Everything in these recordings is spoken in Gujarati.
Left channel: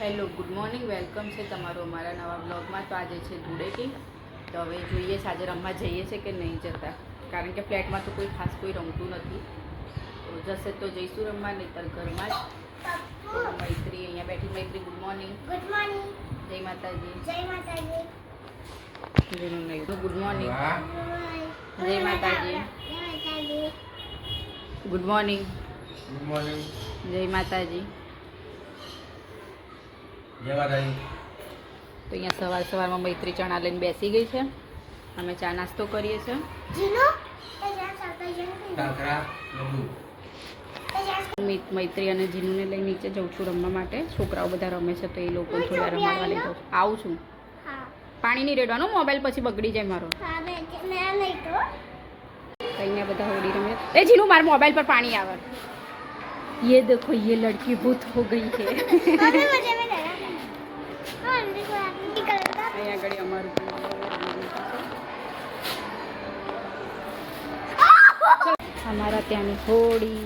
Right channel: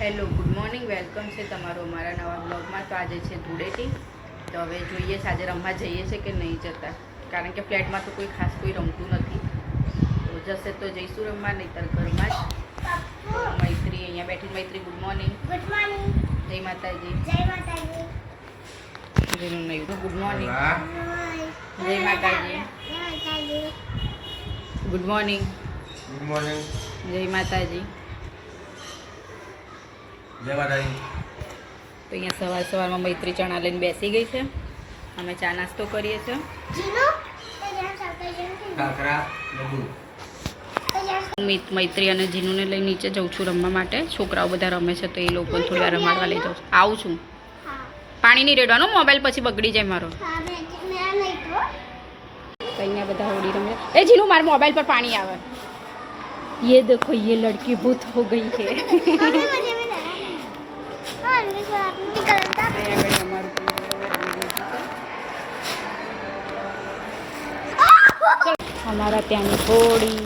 હેલો ગુડ મોર્નિંગ, વેલકમ છે તમારો અમારા નવા બ્લોગમાં। તો આજે છે ધૂળેટી, તો હવે જોઈએ આજે રમવા જઈએ છે કે નહીં જતા, કારણ કે ફ્લેટમાં તો કોઈ ખાસ કોઈ રમતું નથી। તો જશે તો જઈશું રમવા, નહીંતર ઘરમાં જ। તો મૈત્રી અહીંયા બેઠી। મૈત્રી ગુડ મોર્નિંગ। Good morning. જય માતાજી। જય માતાજી। જેનું નહીં ગુડ મોર્નિંગ। જય માતાજી। જય માતાજી। Good morning. Good morning. જય માતાજી। જય માતાજી। તો અહીંયા સવારમાં મૈત્રી ચણા લઈને બેસી ગઈ છે। અમે ચા નાસ્તો કરીએ છીએ। જીનો તૈયાર સાકર કાકરા લડ્ડુ। મૈત્રી અને જીનુને લઈને નીચે જઉં છું રમવા માટે। છોકરાઓ બધા રમે છે તો એ લોકોને થોડી વાર રમાડવા લઈ જાઉં છું। આવું છું। પાણી નહીં રેડવાનું, મોબાઈલ પછી બગડી જાય મારો। હા મે નહીં તો અહીંયા બધા હોડી રમે। એ જીનુ મારા મોબાઈલ પર પાણી આવે। ये देखो ये लड़की भूत हो गई है। हमारा त्यानी होड़ी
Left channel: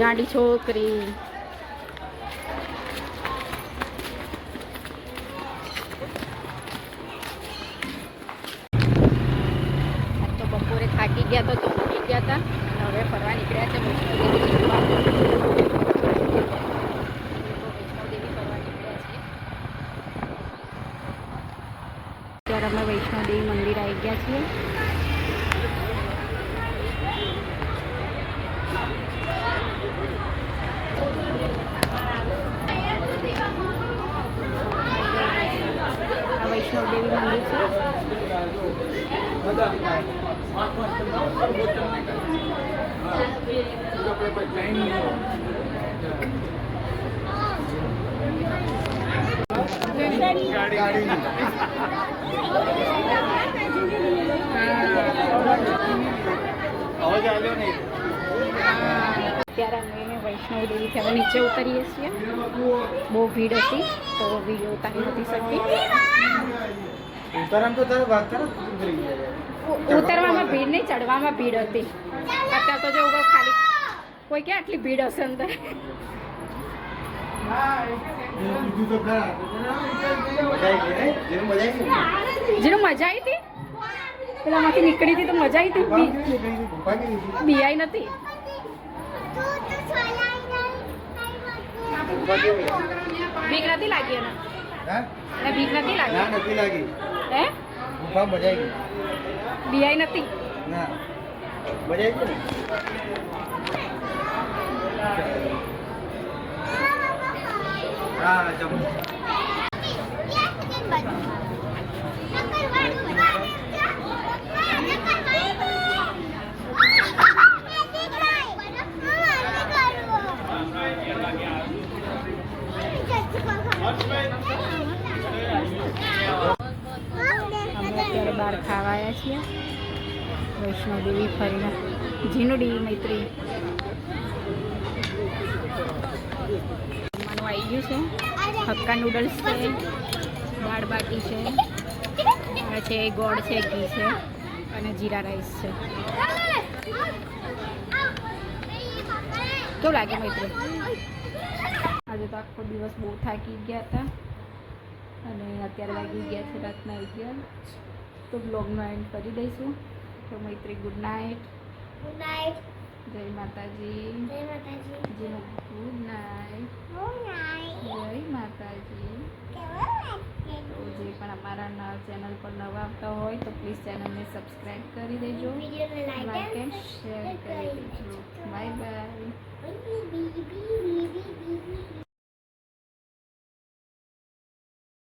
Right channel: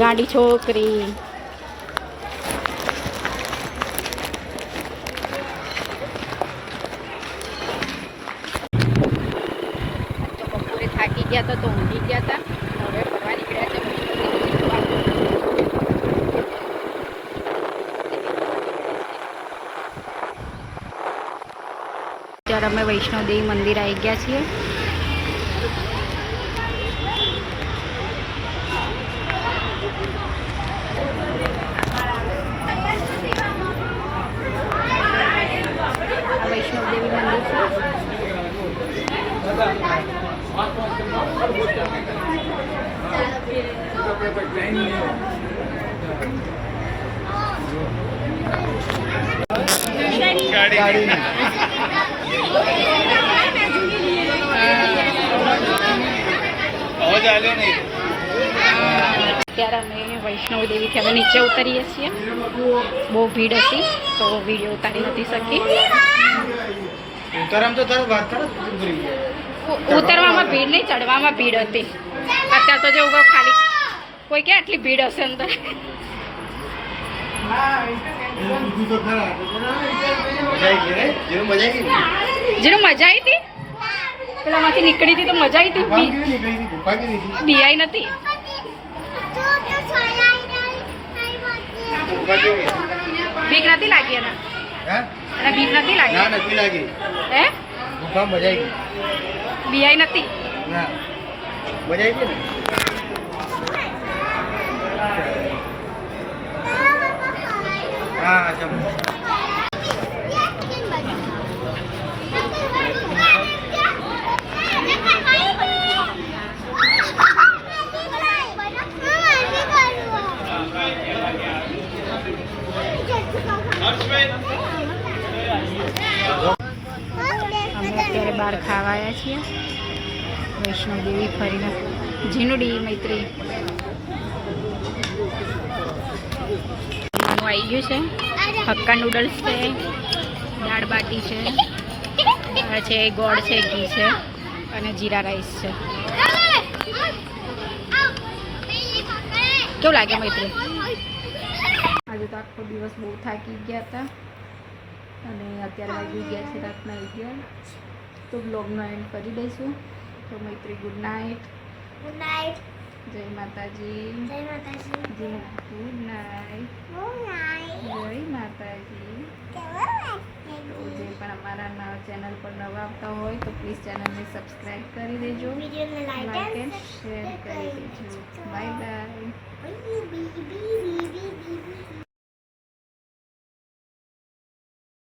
गाड़ी छोकरी तो बपोरे थाकी गया था तो ऊँघी गया था। હવે ફરવા નીકળ્યા છે। ત્યારે અમે વૈષ્ણોદેવી મંદિર આવી ગયા છીએ। આ વૈષ્ણોદેવી મંદિર છે। ત્યારે અમે વૈષ્ણોદેવીથી હવે નીચે ઉતરીએ છીએ। બહુ ભીડ હતી તો વિડીયો ઉતારી નથી શકી। ઉતરવામાં ભીડ નહીં, ચડવામાં ભીડ હતી। અત્યારે તો જેવું ખાલી કોઈ કે આટલી ભીડ હશે અંદર। જેનું મજા આવી હતી, પેલામાંથી નીકળી હતી તો મજા આવી હતી। બિયાઈ નથી, બીક નથી લાગી એને? એને બીક નથી લાગી? હે બિયાઈ નથી? અમે અત્યારે બહાર ખાવા આવ્યા છીએ વૈષ્ણોદેવી ફરીને। જીનુડી મૈત્રી જમવાનું આવી ગયું છે। હક્કા નૂડલ્સ છે, દાળ બાટી છે, દાળ છે, ગોળ છે, ઘી છે અને જીરા રાઈસ છે। કેવું લાગે મૈત્રી? આજે તો આખો દિવસ બહુ થાકી ગયા હતા અને અત્યારે વાગી ગયા છે રાતના 11। તો બ્લોગનો એન્ડ કરી દઈશું। તો મૈત્રી ગુડ નાઇટ। Good night. જય માતાજી। જય માતાજી। જી ગુડ નાઇટ। Good night. જય માતાજી। તો જે પણ અમારા ચેનલ પર નવા આવતા હોય તો પ્લીઝ ચેનલને સબસ્ક્રાઈબ કરી દેજો, વિડીયોને લાઈક એન્ડ શેર કરી દેજો। Bye bye.